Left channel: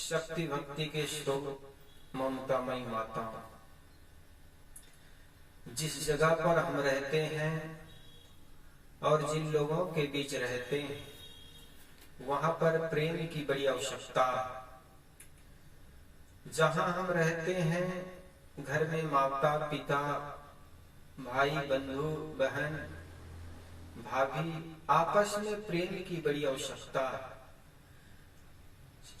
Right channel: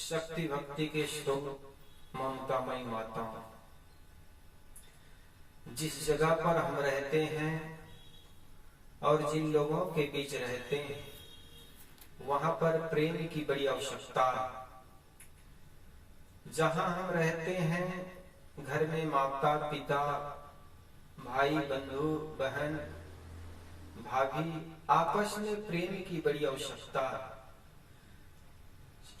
शक्ति भक्ति के श्लोक ममतामयी माता। जिस जगह पर हम रहते हैं और जिन लोगों के बीच रहते हैं वहां पर प्रेम की बड़ी आवश्यकता। जहां हम रहते हैं घर में माता पिता भाई बंधु बहन भाभी आपस में प्रेम की बड़ी आवश्यकता है।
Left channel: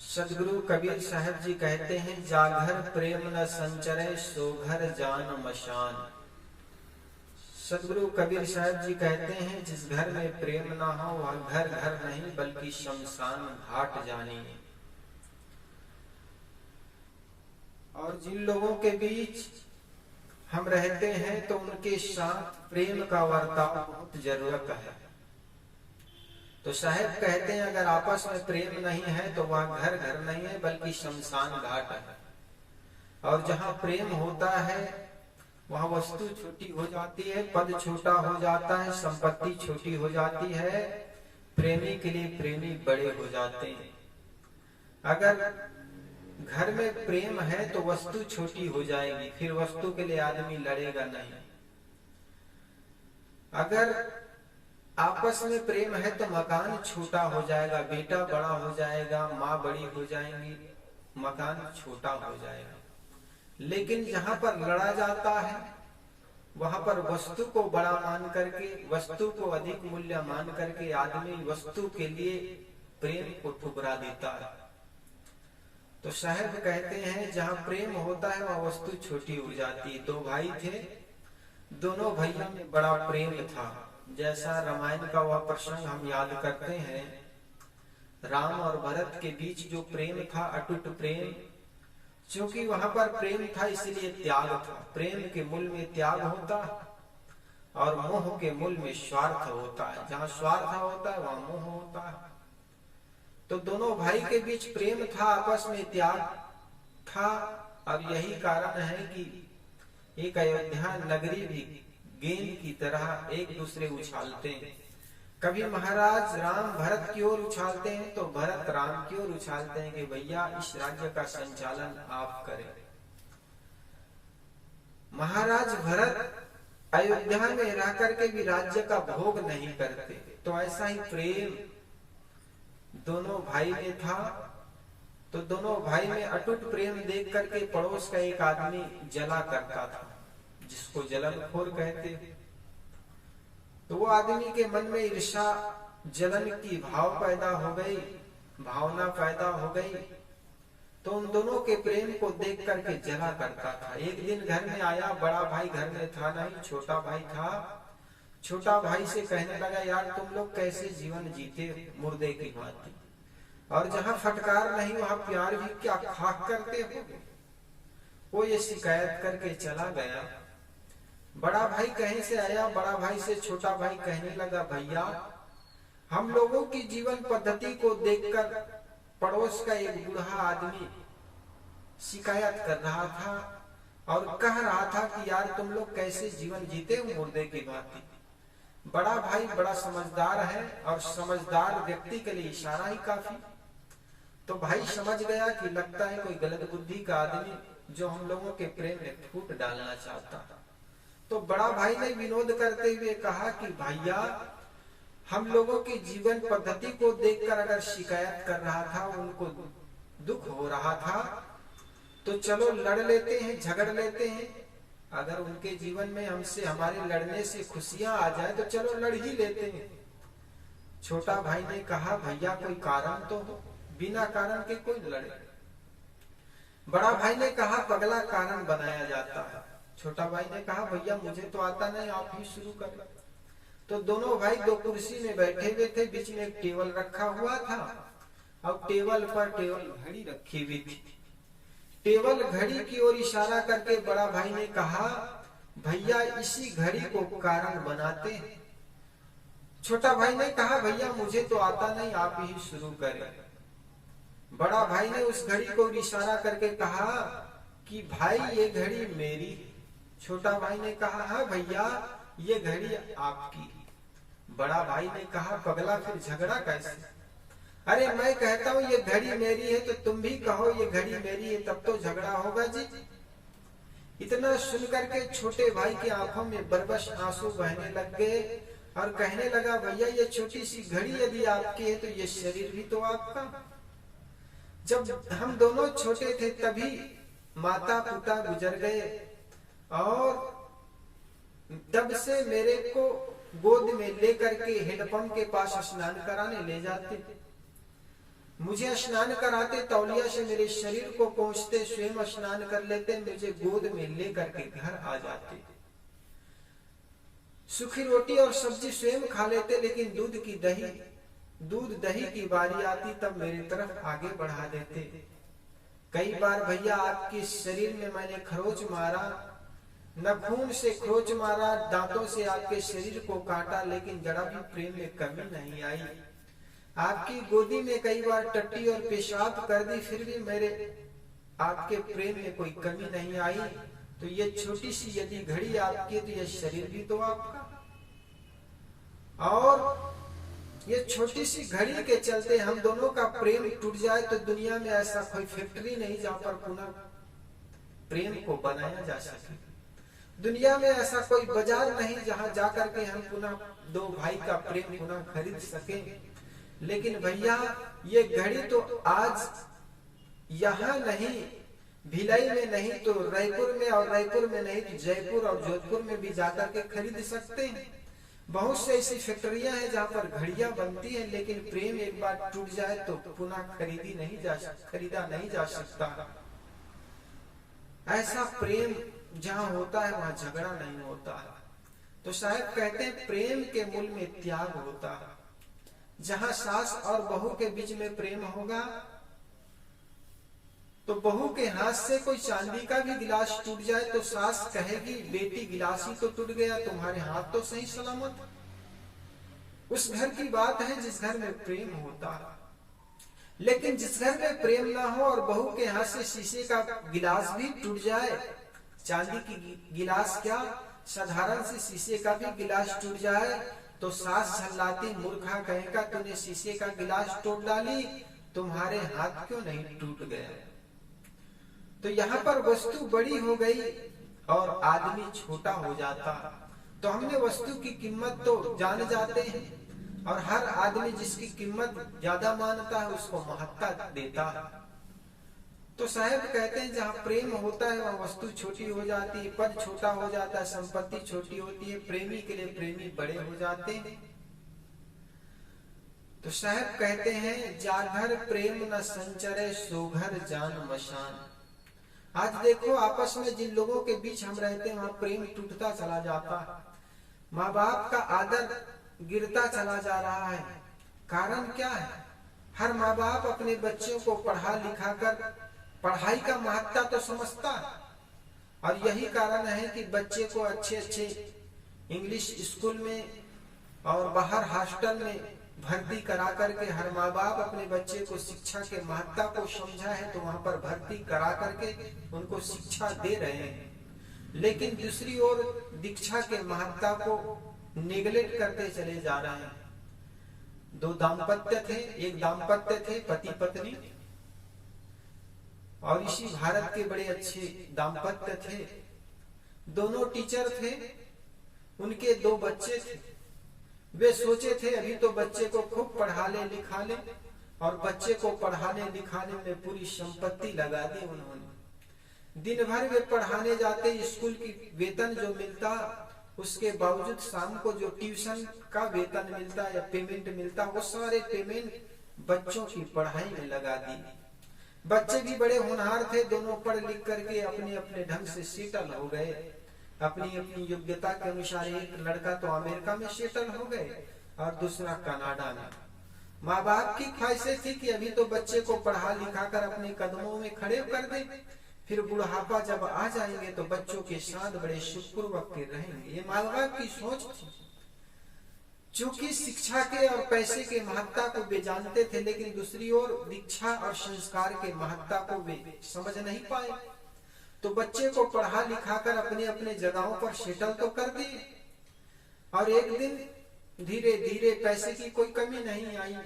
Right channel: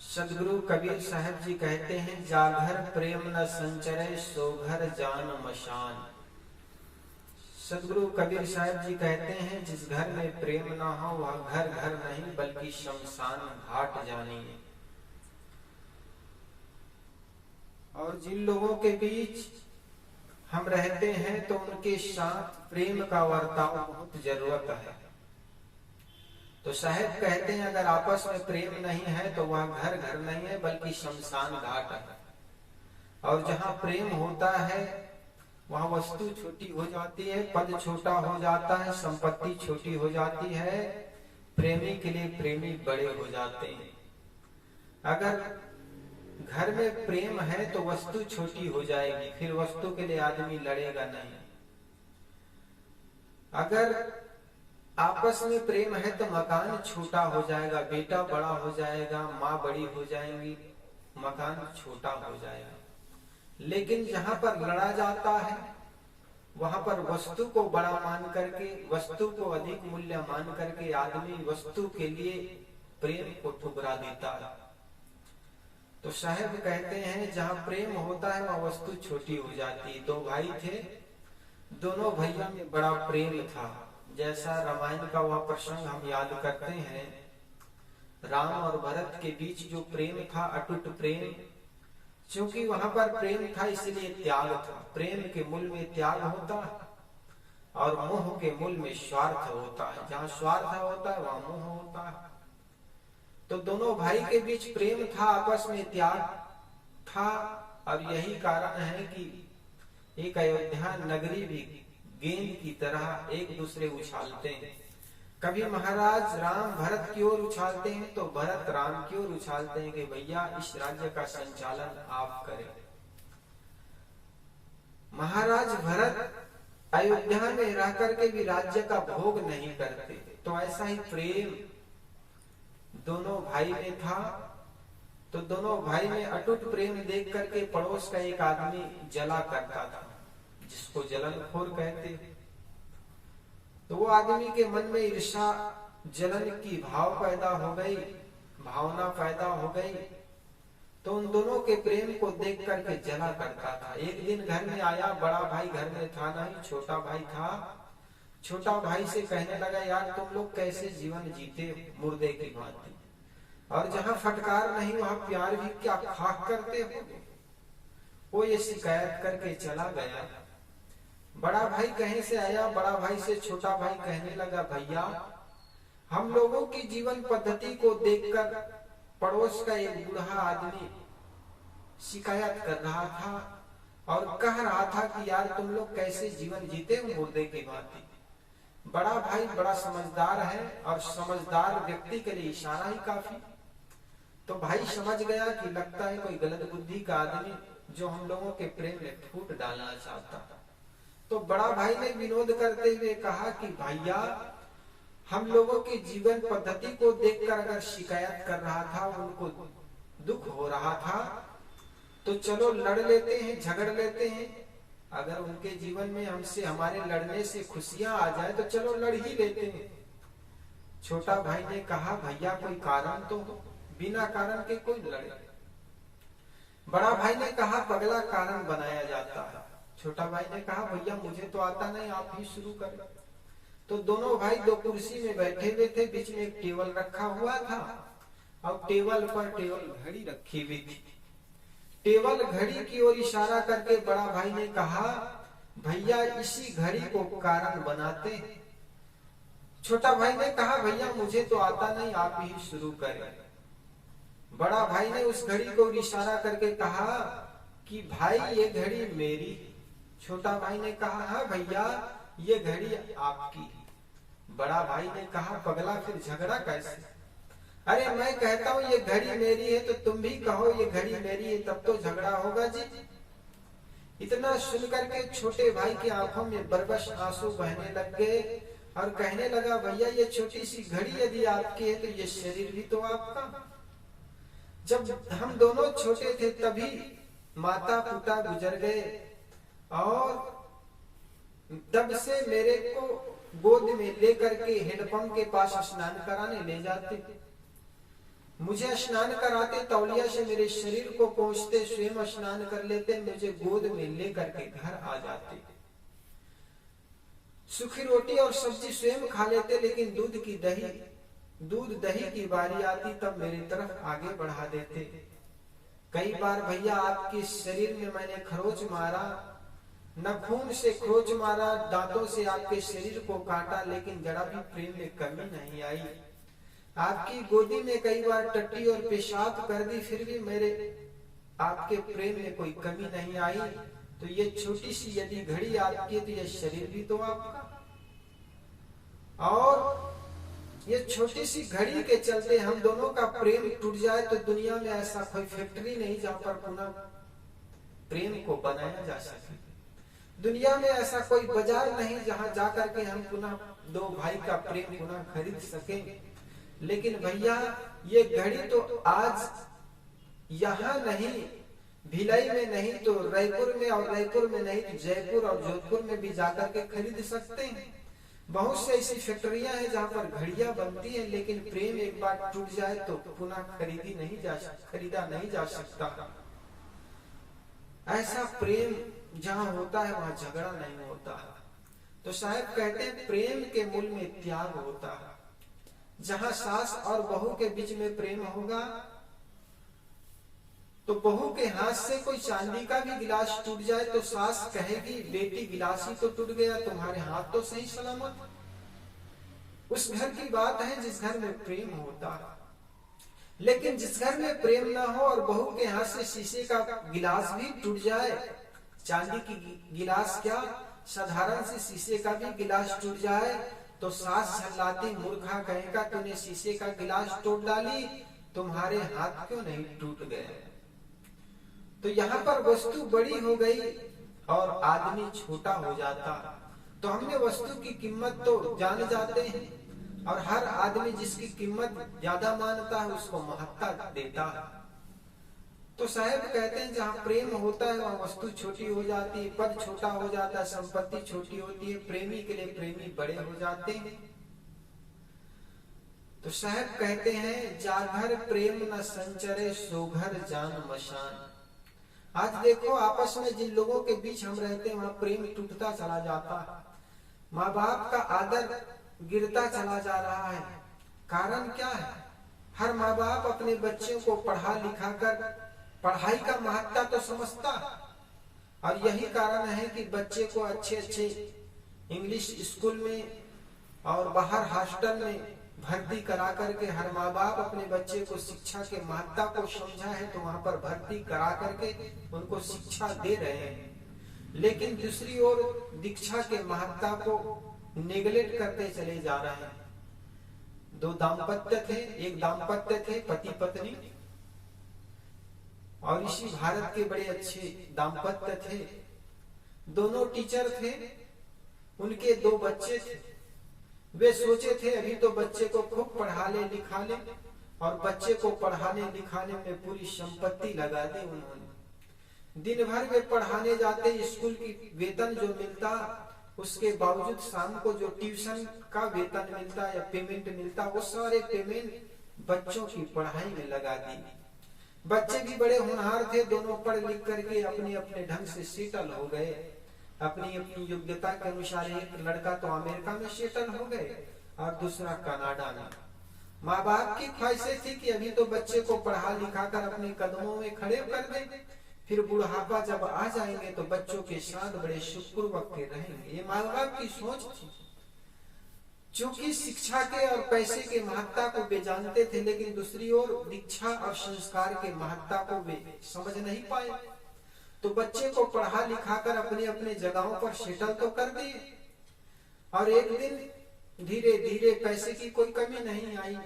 सदगुरु कबीर साहब जी कहते हैं, जाघर प्रेम न संचरे सो घर जान मशान। सदगुरु कबीर साहब जी कहते हैं, जिस घर में प्रेम ना हो वह घर घर नहीं बल्कि शमशान घाट जानिए। और जिन लोगों के बीच हम रहते हैं तो उनके साथ प्रेम का बर्ताव बहुत जरूरत है। तो साहब कहते हैं, अगर आपस में प्रेम नहीं है तो वह घर घर नहीं है बल्कि शमशान घाट है। और जहाँ प्रेम होता है वहाँ वस्तु छोटी हो जाती है, पद छोटा हो जाता है, संपत्ति छोटी हो जाती है, प्रेमी के लिए प्रेमी बड़े हो जाते हैं। अगर घर में प्रेम है तो वस्तु छोटी हो जाएगी, फिर वस्तु के लिए आदमी लड़ेगा नहीं। अगर आपस में प्रेम है तो मकान छोटा हो जाएगा, बेटा बड़ा हो जाएगा, माँ बड़ी हो जाएंगी, मकान छोटा हो जाएगा। लेकिन जहां पर लड़ा जाता है वहां पर वस्तु को बड़ा मान करके, वस्तु को अधिक मूल्य मान करके आदमी वस्तु के लिए प्रेम को ठुकरा देता है। तो साहब कहते हैं, जहां प्रेम होता है वहां वस्तु छोटी हो जाती है। दो भाई थे, दोनों भैया में बड़ा प्रेम था। जैसा रामायण का वह प्रसंग हम याद करते हैं, राम और भरत के बीच जो प्रेम था, अटूट प्रेम, क्योंकि वहां पर प्रेम था इसलिए त्याग था। प्रेम के मूल में त्याग होता है और मोह के मूल में स्वार्थ होता है। जहां स्वार्थ होता है वहां मोह होता है। तो दोनों भाई के बीच प्रेम था, आपस में त्याग था। और यही कारण है कि एक अयोध्या नगरी भी गेंद की तरह एक दूसरे उछालते हैं। कभी महाराज राम भरत की ओर उछालते हैं तो भरत राम की ओर उछालते हैं कि भैया इस राज्य का संचालन आप करें। महाराज भरत अयोध्या में रह करके भी राज्य का भोग नहीं करते। तो ऐसा ही प्रेम दोनों भाई में था। तो दोनों भाई में अटूट प्रेम देख करके पड़ोस का एक आदमी जला करता था, जिसको जलनखोर कहते। तो वो आदमी के मन में ईर्ष्या जलन की भाव पैदा हो गई, भावना पैदा हो गई। तो उन दोनों के प्रेम को देख करके जला करता था। एक दिन घर में आया, बड़ा भाई घर में था नहीं, छोटा भाई था। छोटा भाई से कहने लगा, यार तुम लोग कैसे जीवन जीते मुर्दे की भांति, और जहाँ फटकार नहीं वहां प्यार भी क्या खाक करते हो। वो ये शिकायत करके चला गया। बड़ा भाई कहीं से आया, बड़ा भाई से छोटा भाई कहने लगा, भैया हम लोगों की जीवन पद्धति को देखकर पड़ोस का एक बूढ़ा आदमी शिकायत कर रहा था और कह रहा था कि यार तुम लोग कैसे जीवन जीते हो मुर्दे की भांति। बड़ा भाई बड़ा समझदार है और समझदार व्यक्ति के लिए इशारा ही काफी। तो भाई समझ गया कि लगता है कोई गलत बुद्धि का आदमी जो हम लोगों के प्रेम में फूट डालना चाहता। तो बड़ा भाई ने विनोद करते हुए कहा कि भैया हम लोगों की जीवन पद्धति को देखकर अगर शिकायत कर रहा था, उनको दुख हो रहा था, तो चलो लड़ लेते हैं, झगड़ लेते हैं। अगर उनके जीवन में हमसे हमारे लड़ने से खुशियां आ जाए तो चलो लड़ ही लेते हैं। छोटा भाई ने कहा, भैया कोई कारण तो हो, बिना कारण के कोई लड़े। बड़ा भाई ने कहा, पगला कारण बनाया जाता है। छोटा भाई ने कहा, भैया मुझे तो आता नहीं, आप ही शुरू करें। तो दोनों भाई दो कुर्सी में बैठे हुए थे, बीच में एक टेबल रखा हुआ था और टेबल पर टेबल घड़ी रखी हुई थी। टेबल घड़ी की ओर इशारा करके बड़ा भाई ने कहा, भैया इसी घड़ी को कारण बनाते हैं। छोटा भाई ने कहा, भैया मुझे तो आता नहीं, आप ही शुरू करें। बड़ा भाई ने उस घड़ी को इशारा करके कहा कि भाई ये घड़ी मेरी। छोटा भाई ने कहा, हाँ भैया ये घड़ी आपकी। बड़ा भाई ने कहा, पगला फिर झगड़ा कैसे? अरे मैं कहता हूँ ये घड़ी मेरी है तो तुम भी कहो ये घड़ी मेरी है, तब तो झगड़ा होगा जी। इतना सुनकर के छोटे भाई की आंखों में बरबस आंसू बहने लग गए और कहने लगा, भैया ये छोटी सी घड़ी यदि आपकी है तो ये शरीर भी तो आपका। जब हम दोनों छोटे थे तभी माता पिता गुजर गए और तब से मेरे को गोद में लेकर के हैंडपंप के पास स्नान कराने ले जाते, मुझे स्नान कराते, तौलिया से मेरे शरीर को पोंछते, स्वयं स्नान कर लेते, मुझे गोद में लेकर के घर आ जाते, सूखी रोटी और सब्जी स्वयं खा लेते, लेकिन दूध दही की बारी आती तब मेरी तरफ आगे बढ़ा देते। कई बार भैया आपके शरीर में मैंने खरोच मारा, नाखून से खरोच मारा, दांतों से आपके शरीर को काटा, लेकिन जरा भी प्रेम में कमी नहीं आई। आपकी गोदी में कई बार टट्टी और पेशाब कर दी, फिर भी मेरे आपके प्रेम में कोई कमी नहीं आई। तो ये छोटी सी यदि घड़ी आपकी है तो ये शरीर भी तो आपका। और ये छोटी सी घड़ी के चलते हम दोनों का प्रेम टूट जाए तो दुनिया में ऐसा कोई फैक्ट्री नहीं जहां पर पुनः प्रेम को बनाया जा सके। दुनिया में ऐसा कोई बाजार नहीं जहां जाकर के हम पुनः दो भाई का प्रेम पुनः खरीद सके। लेकिन भैया ये घड़ी तो आज यहाँ नहीं, भिलाई में नहीं तो रायपुर में, और रायपुर में नहीं तो जयपुर और जोधपुर में भी जाकर के खरीद सकते हैं। बहुत से ऐसी फैक्ट्रियां हैं जहां पर घड़ियां बनती हैं, लेकिन प्रेम एक बार टूट जाए तो पुनः खरीदा नहीं जा सकता। ऐसा प्रेम जहां होता है वहां झगड़ा नहीं होता है। तो साहब कहते हैं प्रेम के मूल में त्याग होता है। जहां सास और बहू के बीच में प्रेम होगा तो बहू के हाथ से कोई चांदी का भी गिलास टूट जाए तो सास कहेगी, बेटी गिलास ही तो टूट गया, तुम्हारे हाथ तो सही सलामत। उस घर की बात है जिस घर में प्रेम होता है। लेकिन जिस घर में प्रेम ना हो और बहू के हाथ से शीशे का गिलास भी टूट जाए, चांदी की गिलास क्या साधारण से शीशे का भी गिलास टूट जाए तो सास झल्लाती, मूर्खा कहेगा तूने शीशे का गिलास तोड़ डाली, तुम्हारे हाथ क्यों नहीं टूट गया। तो यहाँ पर वस्तु बड़ी हो गई और आदमी छोटा हो जाता। तो हमने वस्तु की कीमत तो जान जाते हैं और हर आदमी जिसकी कीमत ज्यादा मानता है उसको महत्ता देता है। तो साहब कहते हैं जहाँ प्रेम होता है वहाँ वस्तु छोटी हो जाती है, पद छोटा हो जाता है, संपत्ति छोटी होती है, प्रेमी के लिए प्रेमी बड़े हो जाते हैं। तो साहब कहते हैं जाघर प्रेम न संचरे सोघर जान मशान। आज देखो आपस में जिन लोगों के बीच हम रहते हैं वहां प्रेम टूटता चला जाता है, माँ बाप का आदर गिरता चला जा रहा है। कारण क्या है? हर माँ बाप अपने बच्चों को पढ़ा लिखा कर पढ़ाई का महत्ता तो समझता है और यही कारण है कि बच्चे को अच्छे अच्छे इंग्लिश स्कूल में और बाहर हॉस्टल में भर्ती करा करके हर माँ बाप अपने बच्चे को शिक्षा के महत्ता को समझा है तो वहां पर भर्ती करा करके उनको शिक्षा दे रहे हैं। लेकिन दूसरी ओर दीक्षा के महत्ता को नेगलेक्ट करते चले जा रहे हैं। दो दाम्पत्य थे, एक दाम्पत्य थे पति पत्नी, और इसी भारत के बड़े अच्छे दाम्पत्य थे। दोनों टीचर थे, उनके दो बच्चे थे। वे सोचे थे अभी तो बच्चे को खूब पढ़ा ले लिखा ले, और बच्चे को पढ़ाने लिखाने में पूरी संपत्ति लगा दी उन्होंने। दिन भर वे पढ़ाने जाते, स्कूल की वेतन जो मिलता उसके बावजूद शाम को जो ट्यूशन का वेतन मिलता या पेमेंट मिलता वो सारे पेमेंट बच्चों की पढ़ाई में लगा दी। बच्चे भी बड़े होनहार थे, दोनों पढ़ लिख करके अपने अपने ढंग से सेटल हो गए। अपनी अपनी योग्यता के अनुसार एक लड़का तो अमेरिका में सेटल हो गए और दूसरा कनाडा में। माँ बाप की ख्वाहिशें थी कि अभी तो बच्चे को पढ़ा लिखा कर अपने कदमों में खड़े कर दें, फिर बुढ़ापा जब आ जाएंगे तो बच्चों के साथ बड़े सुखपूर्वक के रहेंगे। ये माँ बाप की सोच थी। चूंकि शिक्षा के और पैसे के महत्ता को वे जानते थे, लेकिन दूसरी ओर दीक्षा और संस्कार के महत्ता को वे समझ नहीं पाए। तो बच्चे को पढ़ा लिखा कर अपने अपने जगहों पर सेटल तो कर दिए, और एक दिन धीरे धीरे पैसे की कोई कमी नहीं आई,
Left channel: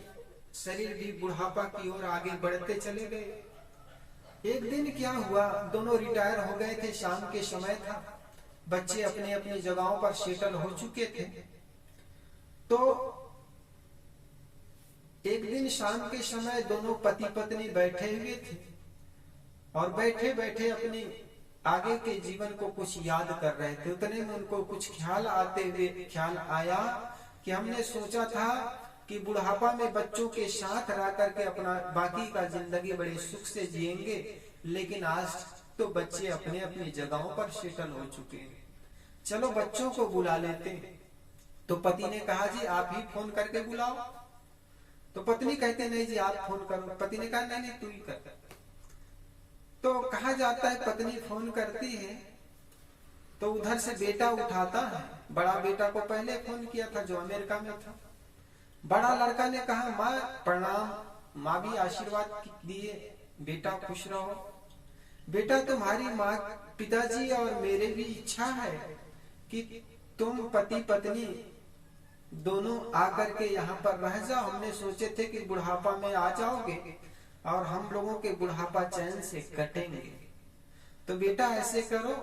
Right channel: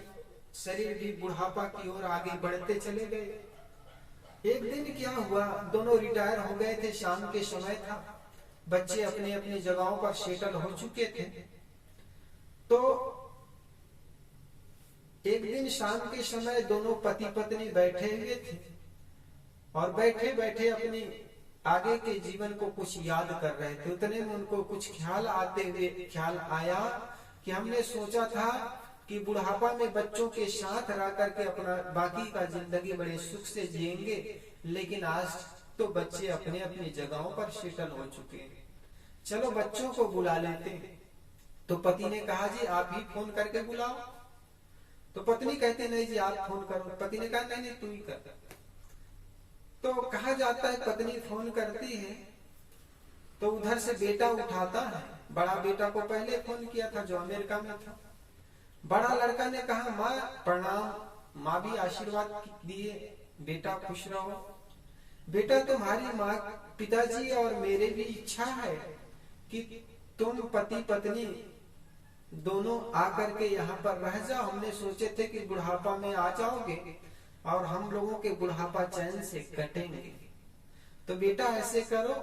शरीर भी बुढ़ापा की ओर आगे बढ़ते चले गए। एक दिन क्या हुआ, दोनों रिटायर हो गए थे, शाम के समय था, बच्चे अपनी अपनी जगहों पर सेटल हो चुके थे। तो एक दिन शाम के समय दोनों पति पत्नी बैठे हुए थे और बैठे बैठे अपनी आगे के जीवन को कुछ याद कर रहे थे। उतने में उनको कुछ ख्याल आया कि हमने सोचा था कि बुढ़ापा में बच्चों के साथ रह करके अपना बाकी का जिंदगी बड़े सुख से जिएंगे, लेकिन आज तो बच्चे अपने अपनी जगहों पर सेटल हो चुके हैं, चलो बच्चों को बुला लेते हैं। तो पति ने कहा जी आप ही फोन करके बुलाओ। तो पत्नी कहते नहीं जी आप फोन करो। पति ने कहा नहीं तू ही कर। तो कहा जाता है पत्नी फोन करती है तो उधर से बेटा उठाता है। बड़ा बेटा को पहले फोन किया था जो अमेरिका में था। बड़ा लड़का ने कहा माँ प्रणाम, माँ भी आशीर्वाद दिए, बेटा खुश रहो। बेटा तुम्हारी माँ पिताजी और मेरे भी इच्छा है कि तुम पति पत्नी दोनों आकर के यहाँ पर रह जाओ। हमने सोचे थे कि बुढ़ापा में आ जाओगे और हम लोगों के बुढ़ापा चैन से कटेंगे। तो बेटा ऐसे करो,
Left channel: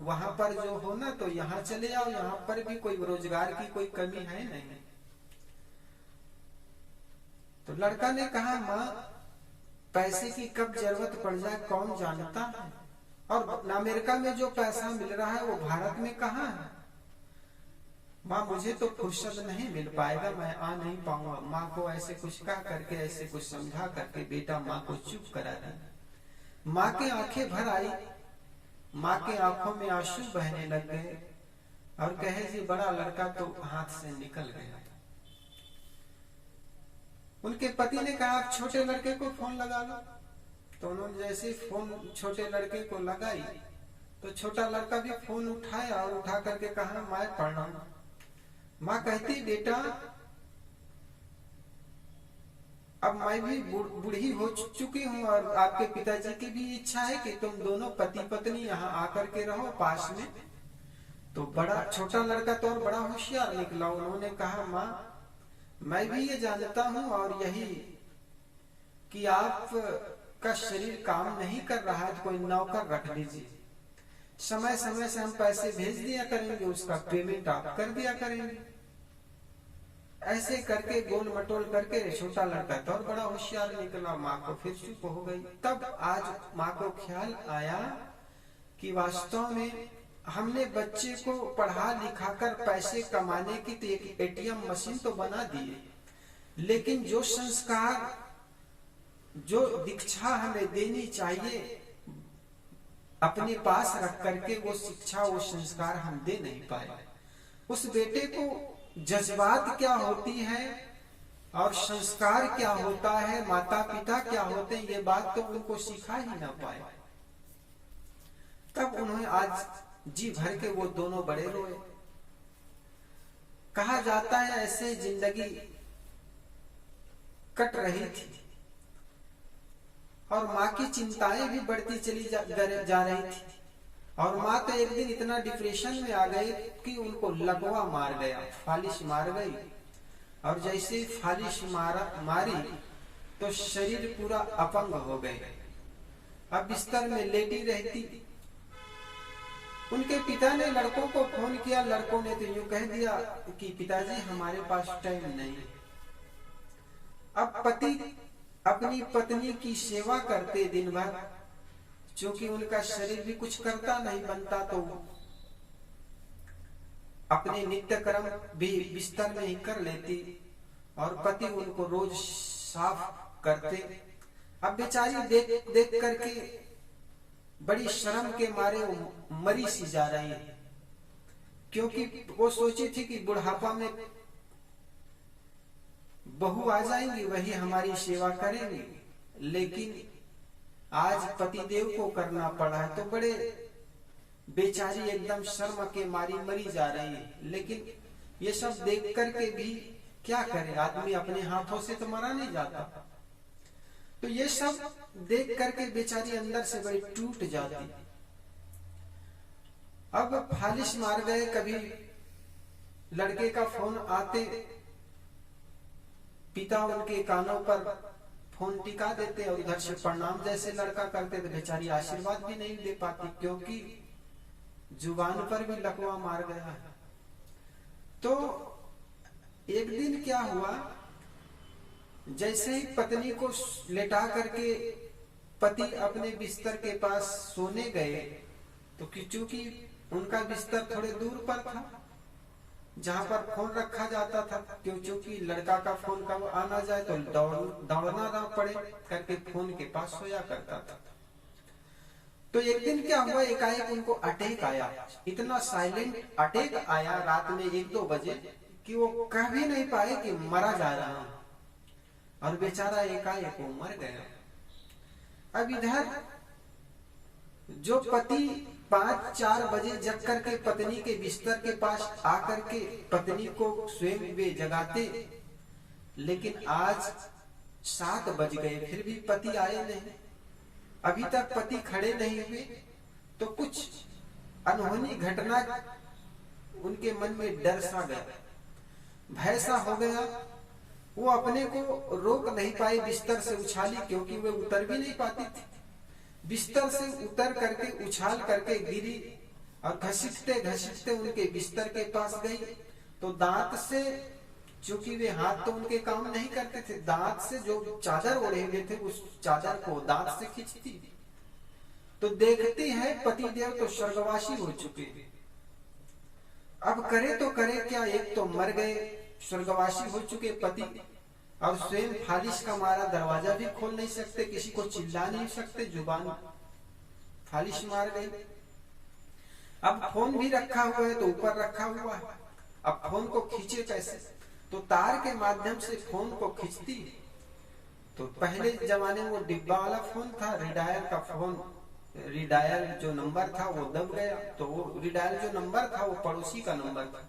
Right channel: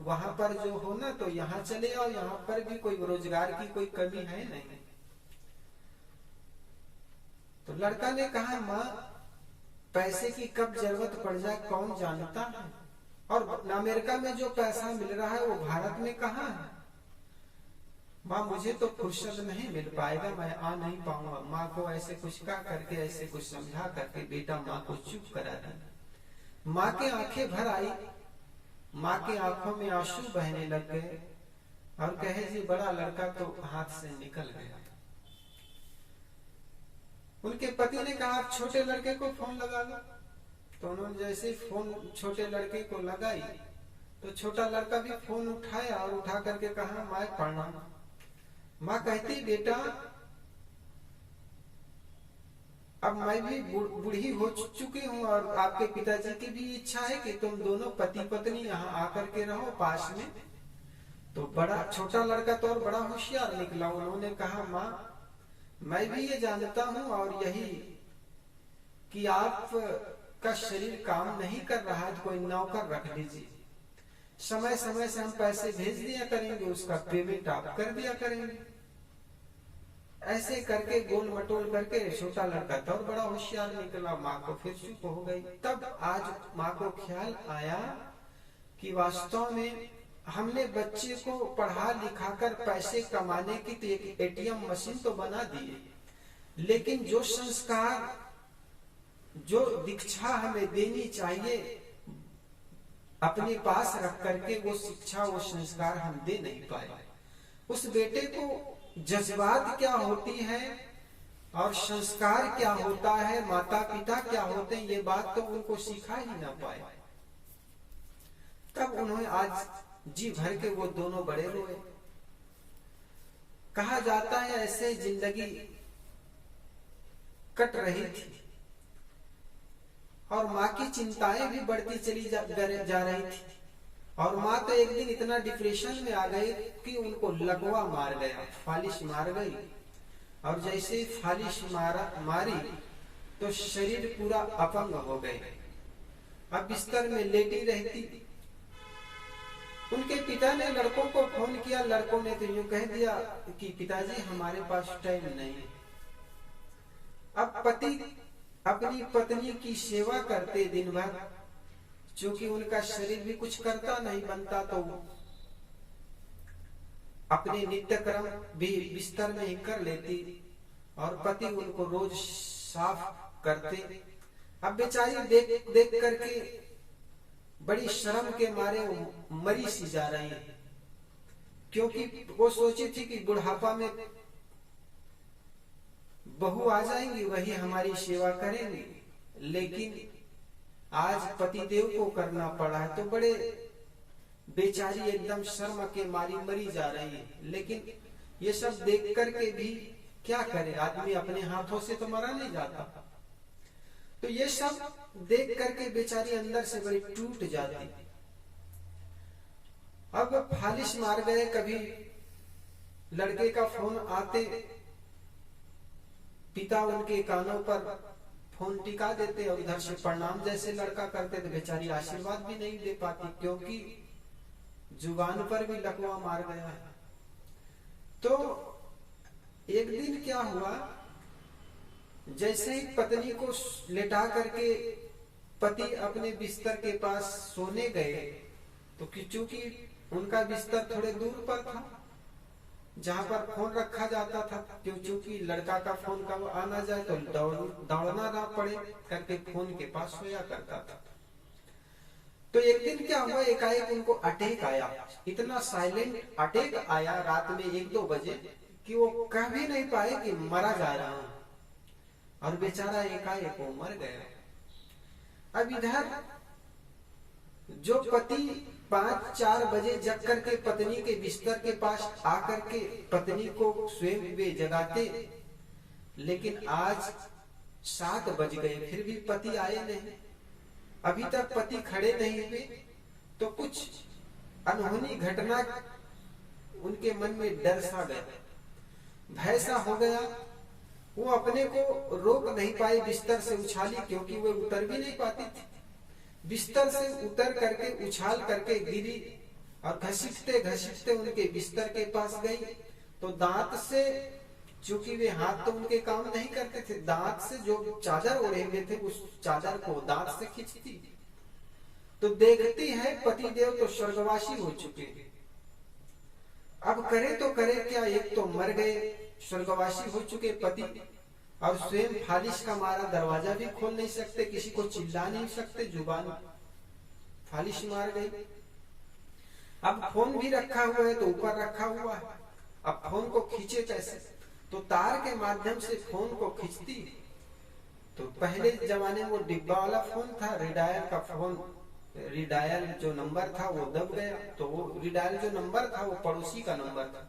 वहां पर जो हो ना तो यहाँ चले आओ, यहाँ पर भी कोई रोजगार की कोई कमी है नहीं। तो लड़का ने कहा माँ पैसे की कब जरूरत पड़ जाए कौन जानता है, और अमेरिका में जो पैसा मिल रहा है वो भारत में कहाँ है। माँ मुझे तो फुर्सत नहीं मिल पाएगा, मैं आ नहीं पाऊंगा। माँ को ऐसे कुछ कह करके ऐसे कुछ समझा करके बेटा माँ को चुप करा दिया। माँ की आंखें भर आई, माँ की आंखों में आंसू बहने लग गए और कहे जी बड़ा लड़का तो हाथ से निकल गया। उनके पति ने कहा आप छोटे लड़के को फोन लगा लो। तो उन्होंने जैसे फोन छोटे लड़के को लगाई तो छोटा लड़का भी फोन उठाया और उठा करके कहा माँ प्रणाम। माँ कहती बेटा अब मैं भी बूढ़ी हो चुकी हूँ और आपके पिताजी की भी इच्छा है कि तुम दोनों पति पत्नी यहाँ आकर के रहो पास में। तो बड़ा छोटा लड़का तो और बड़ा होशियार निकला। उन्होंने कहा माँ मैं भी ये जानता हूँ और यही कि आप का शरीर काम नहीं कर रहा है तो कोई नौकर रख लीजिए, समय समय से हम पैसे भेज दिया करेंगे, उसका पेमेंट आप कर दिया करेंगे। ऐसे करके गोल मटोल करके छोटा लड़का तो और बड़ा होशियार निकला। माँ को फिर चुप हो गई। तब आज माँ को ख्याल आया कि वास्तव में हमने बच्चे को पढ़ा लिखा कर पैसे कमाने की तो एक एटीएम मशीन तो बना दिए, लेकिन जो संस्कार जो दीक्षा हमें देनी चाहिए अपने पास रख करके वो शिक्षा वो संस्कार हम दे नहीं पाए। उस बेटे को जज्बात क्या होती है और संस्कार क्या होता है, माता पिता क्या होते हैं, ये बात तो उनको सिखा ही ना पाए। तब उन्होंने आज जी भर के वो दोनों बड़े रोए। कहा जाता है ऐसे जिंदगी कट रही थी और माँ की चिंताएं भी बढ़ती चली जा रही थी। और माँ तो एक दिन इतना डिप्रेशन में आ गई कि उनको लगवा मार गया, फालिश मार गई। और जैसे फालिश मारी तो शरीर पूरा अपंग हो गए। अब बिस्तर में लेटी रहती। उनके पिता ने लड़कों को फोन किया, लड़कों ने तो यूं कह दिया कि पिताजी हमारे पास टाइम नहीं। अब पति अपनी पत्नी की सेवा करते दिन भर, क्योंकि उनका शरीर भी कुछ करता नहीं बनता तो अपने नित्य कर्म भी बिस्तर में ही कर लेती और पति उनको रोज साफ करते। अब बेचारी देख देख करके बड़ी शर्म के मारे वो मरी सी जा रही है, क्योंकि वो सोची थी कि बुढ़ापा में बहू आ जाएंगी वही हमारी सेवा करेंगी, लेकिन आज पतिदेव को करना पड़ा है। तो बड़े बेचारी एकदम शर्म के मारी मरी जा रही है। लेकिन ये सब देख करके भी क्या करे, आदमी अपने हाथों से तो मरा नहीं जाता। तो ये सब देख करके बेचारी अंदर से बड़ी टूट जाती। अब फालिश मार गए, कभी लड़के का फोन आते पिता उनके कानों पर फोन टिका देते और उधर से प्रणाम जैसे लड़का करते, तो बेचारी आशीर्वाद भी नहीं दे पाती, क्योंकि जुबान पर भी लकवा मार गया है। तो एक दिन क्या हुआ, जैसे ही पत्नी को लेटा करके पति अपने बिस्तर के पास सोने गए, तो चूंकि उनका बिस्तर थोड़े दूर पर था जहां पर फोन रखा जाता था, क्योंकि लड़का का फोन कब आना जाए तो दौड़ना ना पड़े करके फोन के पास सोया करता था। तो एक दिन क्या हुआ, एकाएक उनको अटैक आया, इतना साइलेंट अटैक आया रात में 1-2 बजे कि वो कह भी नहीं पाए कि मरा जा रहा हूं, और बेचारा एकाएक वो मर गया। अब इधर जो पति 5-4 बजे जग करके पत्नी के बिस्तर के पास आकर के पत्नी को स्वयं वे जगाते, लेकिन आज 7 बज गए फिर भी पति आए नहीं, अभी तक पति खड़े नहीं हुए। तो कुछ अनहोनी घटना उनके मन में डर सा गया, भय सा हो गया। वो अपने को रोक नहीं पाए, बिस्तर से उछाली, क्योंकि वो उतर भी नहीं पाती थी। बिस्तर से उतर करके उछाल करके गिरी और घसीटते घसीटते उनके बिस्तर के पास गई। तो दांत से, चूंकि वे हाथ तो उनके काम नहीं करते थे, दांत से जो चादर ओढ़े हुए थे उस चादर को दांत से खींचती, तो देखती है पतिदेव तो स्वर्गवासी हो चुके। अब करे तो करे क्या, एक तो मर गए, स्वर्गवासी हो चुके पति, और स्वयं फालिश का मारा दरवाजा भी खोल नहीं सकते, किसी को चिल्ला नहीं सकते, जुबान फालिश मार गई। अब फोन भी रखा हुआ है तो ऊपर रखा हुआ है, अब फोन को खींचे कैसे, तो तार के माध्यम से फोन को खींचती। तो पहले जमाने में वो डिब्बा वाला फोन था, रिडायल का फोन, रिडायल जो नंबर था वो दब गया, तो वो रिडायल जो नंबर था वो पड़ोसी का नंबर था।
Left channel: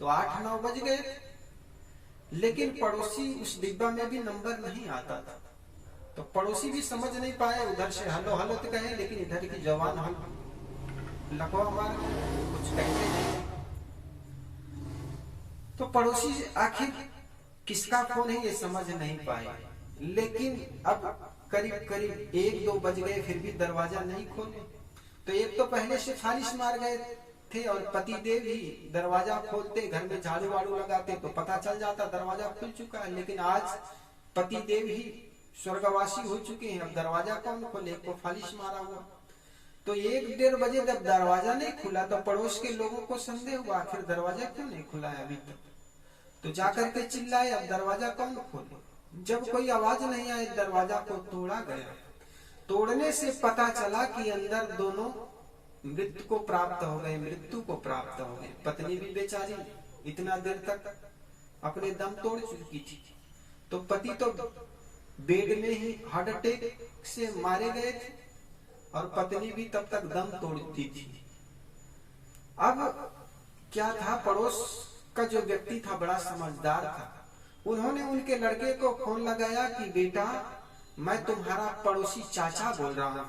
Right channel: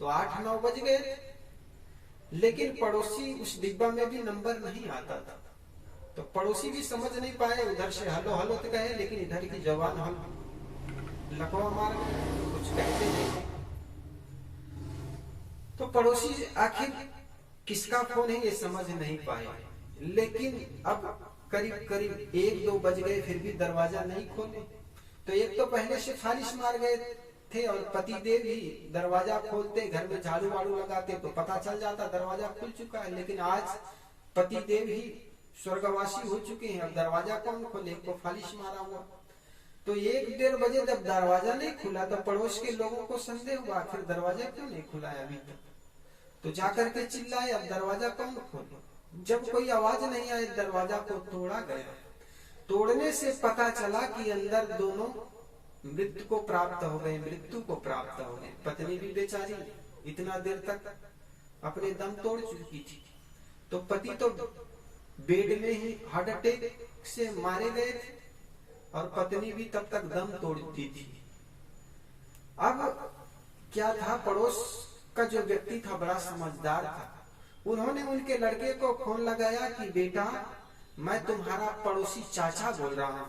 तो 8-9 बज गए, लेकिन पड़ोसी उस डिब्बा में भी नंबर नहीं आता था। तो पड़ोसी भी समझ नहीं पाए, उधर से हेलो हेलो तो कहे, लेकिन इधर की जवान हम लकवा मार कुछ कहते नहीं। तो पड़ोसी आखिर किसका फोन है ये समझ नहीं पाए, लेकिन अब करीब करीब 1-2 बज गए फिर भी दरवाजा नहीं खोले। तो एक तो पहले से फालिश मार गए थे और पतिदेव ही दरवाजा खोलते, घर में झाड़ू वाड़ू लगाते तो पता चल जाता दरवाजा खुल चुका है। लेकिन आज पतिदेव ही स्वर्गवासी हो चुके हैं, अब दरवाजा कौन खोले, एक को फालिश मारा हुआ। तो 1-1:30 बजे जब दरवाजा नहीं खुला तो पड़ोस के लोगों को संदेह हुआ, आखिर दरवाजा क्यों नहीं खुला है अभी तक। तो जाकर के चिल्लाए, अब दरवाजा कौन खोले। जब कोई आवाज नहीं आई, दरवाजा को तोड़ा गया। तोड़ने से पता चला कि अंदर दोनों मृत्यु को प्राप्त हो गए, मृत्यु को प्राप्त हो गए। पत्नी भी बेचारी इतना देर तक अपने दम तोड़ चुकी थी, तो पति तो बेड में ही हार्ट अटैक से मारे गए थे और पत्नी भी तब तक दम तोड़ती थी। अब क्या था, पड़ोस का जो व्यक्ति था बड़ा समझदार था, उन्होंने उनके लड़के को फोन लगाया कि बेटा मैं तुम्हारा पड़ोसी चाचा बोल रहा हूं।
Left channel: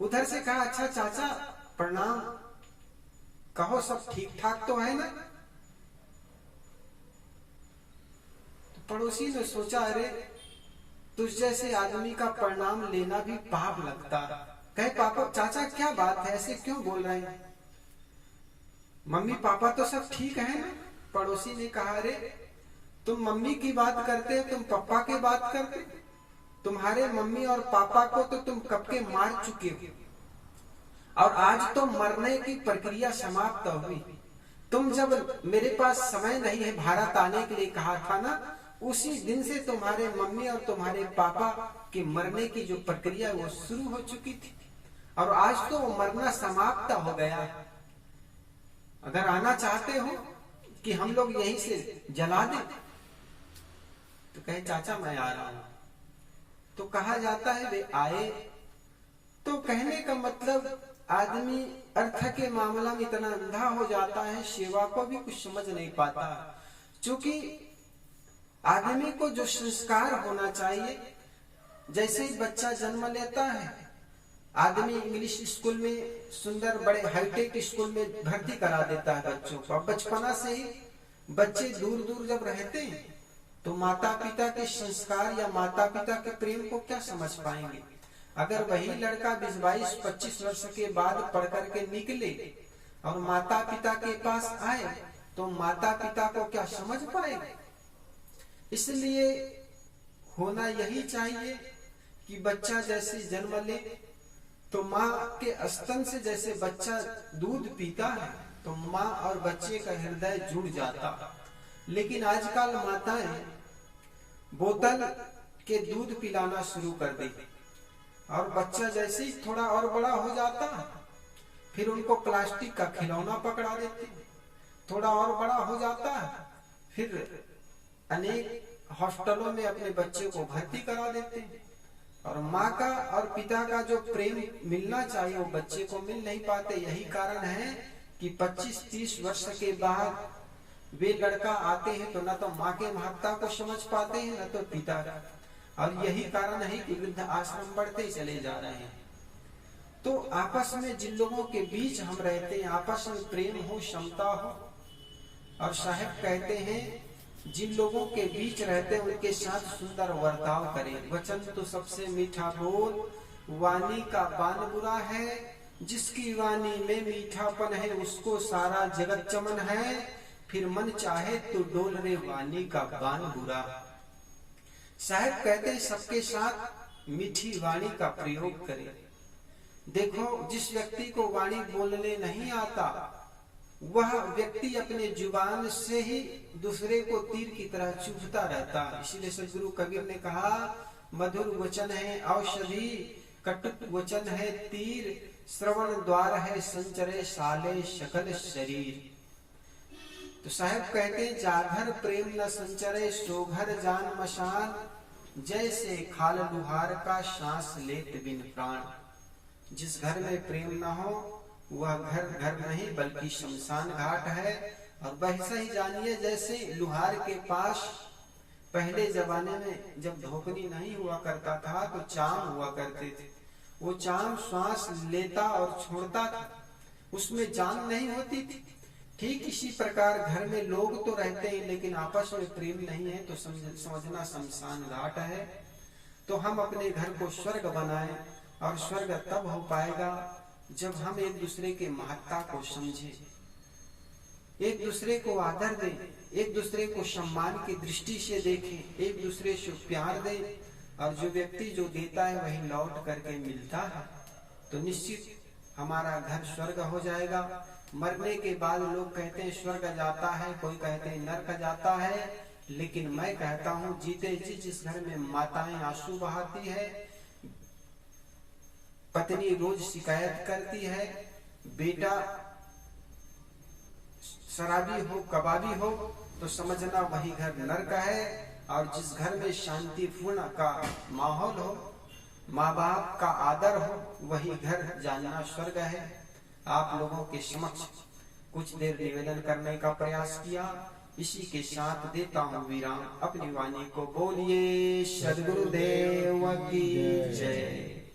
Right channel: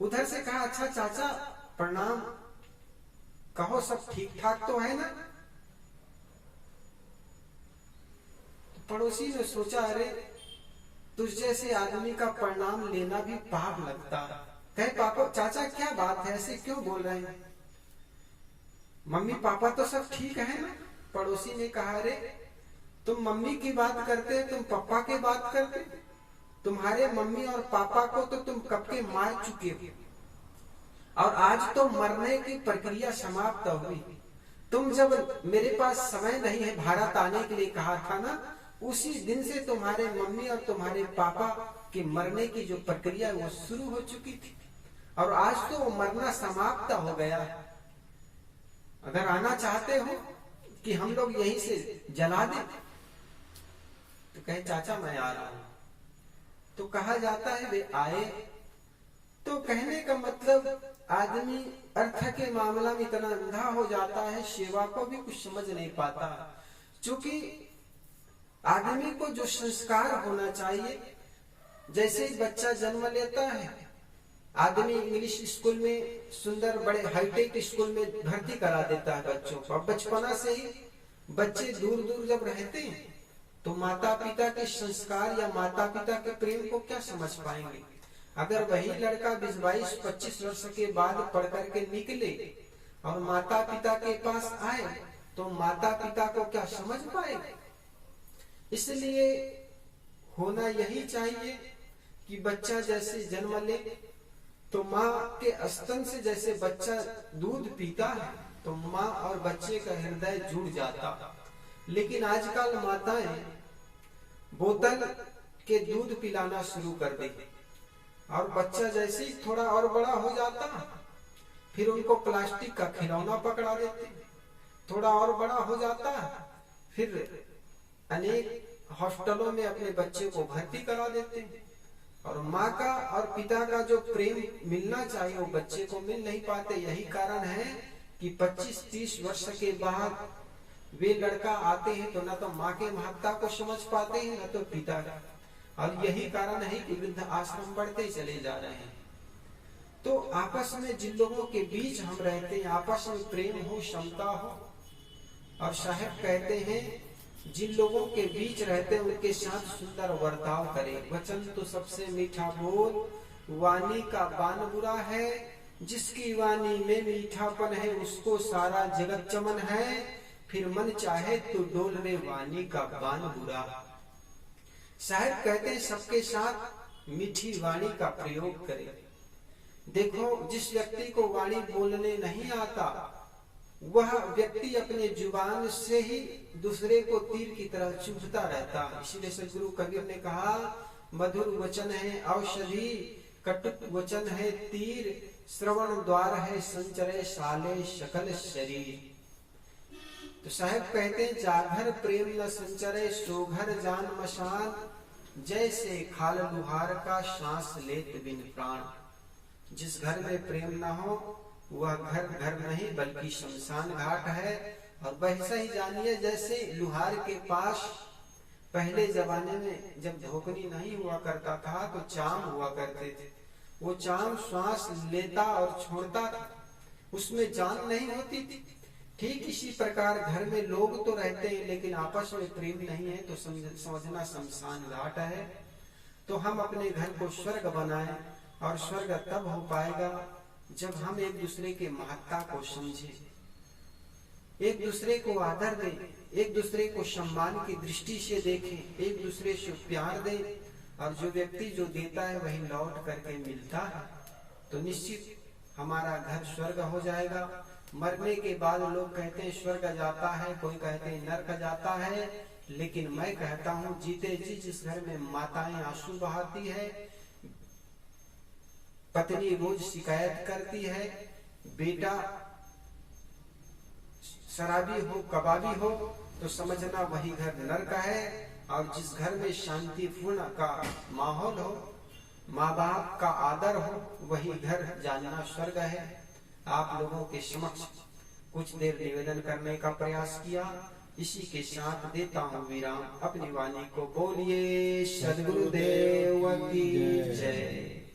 उधर से कहा, अच्छा चाचा प्रणाम, कहो सब ठीक ठाक तो है ना। तो पड़ोसी ने सोचा, अरे तुझ जैसे आदमी का प्रणाम लेना भी पाप लगता। कहे, पापा चाचा क्या बात है, ऐसे क्यों बोल रहे हैं, मम्मी पापा तो सब ठीक है ना। पड़ोसी ने कहा, अरे तुम मम्मी की बात करते, तुम पापा की बात करते, तुम्हारे मम्मी और पापा को तो तुम कब के मार चुके हो और आज तो मरने की प्रक्रिया समाप्त हुई। तुम जब मेरे पास समय नहीं है भारत आने के लिए कहा था ना, उसी दिन से तुम्हारे मम्मी और तुम्हारे पापा की मरने की जो प्रक्रिया वो शुरू हो चुकी थी और आज तो वो मरना समाप्त हो गया। अगर आना चाहते हो कि हम लोग यहीं से जला दें, तो कहे चाचा मैं आ रहा हूं। तो कहा जाता है वे आए। तो कहने का मतलब आदमी अर्थ के मामला में इतना अंधा हो जाता है, सेवा को भी कुछ समझ नहीं पाता। क्योंकि आदमी को जो संस्कार होना चाहिए, जैसे ही बच्चा जन्म लेता है, आदमी इंग्लिश स्कूल में सुंदर बड़े हाईटेक स्कूल में भर्ती करा देता है बच्चों को। अब बचपना से ही बच्चे दूर दूर जब रहते हैं तो माता पिता के संस्कार या माता पिता के प्रेम को क्या समझ पाएंगे। अगर वही लड़का 20-22-25 वर्ष के बाद पढ़ करके निकले और माता पिता के पास आए तो माता पिता को क्या समझ पाएंगे। इसलिए होना यही चाहिए कि बच्चा जैसे जन्म ले तो माँ के स्तन से जैसे बच्चा दूध पीता है तो माँ और बच्चे का हृदय जुड़ जाता। लेकिन आजकल माताएं बोतल के दूध पिलाना शुरू कर देती और बच्चा जैसे ही थोड़ा और बड़ा हो जाता फिर उनको प्लास्टिक का खिलौना पकड़ा देते। थोड़ा और बड़ा हो जाता फिर अनेक हॉस्टलों में अपने बच्चे को भर्ती करा देते हैं और माँ का और पिता का जो प्रेम मिलना चाहिए वो बच्चे को मिल नहीं पाते। यही कारण है कि 25-30 वर्ष के बाद वे लड़का आते हैं तो न तो माँ के महत्ता को समझ पाते हैं न तो पिता का, और यही कारण है कि वृद्ध आश्रम बढ़ते चले जा रहे हैं। तो आपस में जिन लोगों के बीच हम रहते हैं आपस में प्रेम हो, समता हो, और साहब कहते हैं जिन लोगों के बीच रहते हैं उनके साथ सुंदर वर्ताव करें। वचन तो सबसे मीठा बोल, वाणी का बान बुरा है, जिसकी वाणी में मीठापन है उसको सारा जगत चमन है, फिर मन चाहे तो डोल रे वाणी का बान बुरा। साहब कहते हैं सबके साथ मीठी वाणी का प्रयोग करें। देखो जिस व्यक्ति को वाणी बोलने नहीं आता वह व्यक्ति अपने जुबान से ही दूसरे को तीर की तरह चुभता रहता है। इसीलिए सदगुरु कबीर ने कहा मधुर वचन है औषधि, कटुक वचन है तीर, श्रवण द्वार है संचरे साले सकल शरीर। तो साहब कहते हैं जाघर प्रेम न संचरे सोघर जान मशान, जैसे खाल लुहार का सांस लेत बिन प्राण। जिस घर में प्रेम न हो वह घर घर नहीं बल्कि शमशान घाट है। और वैसा ही जानिए जैसे लुहार के पास पहले जमाने में जब धोकनी नहीं हुआ करता था तो चाम हुआ करते थे। वो चाम श्वास लेता और छोड़ता था, उसमें जान नहीं होती थी। ठीक इसी प्रकार घर में लोग तो रहते हैं लेकिन आपस में प्रेम नहीं है तो समझना शमशान घाट है। तो हम अपने घर को स्वर्ग बनाएं, और स्वर्ग तब हो पाएगा जब हम एक दूसरे के महत्ता को समझें, एक दूसरे को आदर दें, एक दूसरे को सम्मान की दृष्टि से देखें, एक दूसरे से प्यार दें। और जो व्यक्ति जो देता है वही लौट करके मिलता है, तो निश्चित हमारा घर स्वर्ग हो जाएगा। मरने के बाद लोग कहते हैं स्वर्ग जाता है, कोई कहते हैं नरक जाता है, लेकिन मैं कहता हूँ जीते जी जिस घर में माताएं आंसू बहाती है, पत्नी रोज शिकायत करती है, बेटा शराबी हो कबाबी हो, तो समझना वही घर नरक है। और जिस घर में शांतिपूर्ण का माहौल हो, माँ बाप का आदर हो, वही घर जानना स्वर्ग है। आप लोगों के समक्ष कुछ देर निवेदन करने का प्रयास किया, इसी के साथ देता हूँ विराम। अपनी वाणी को बोलिए सद्गुरुदेव की जय।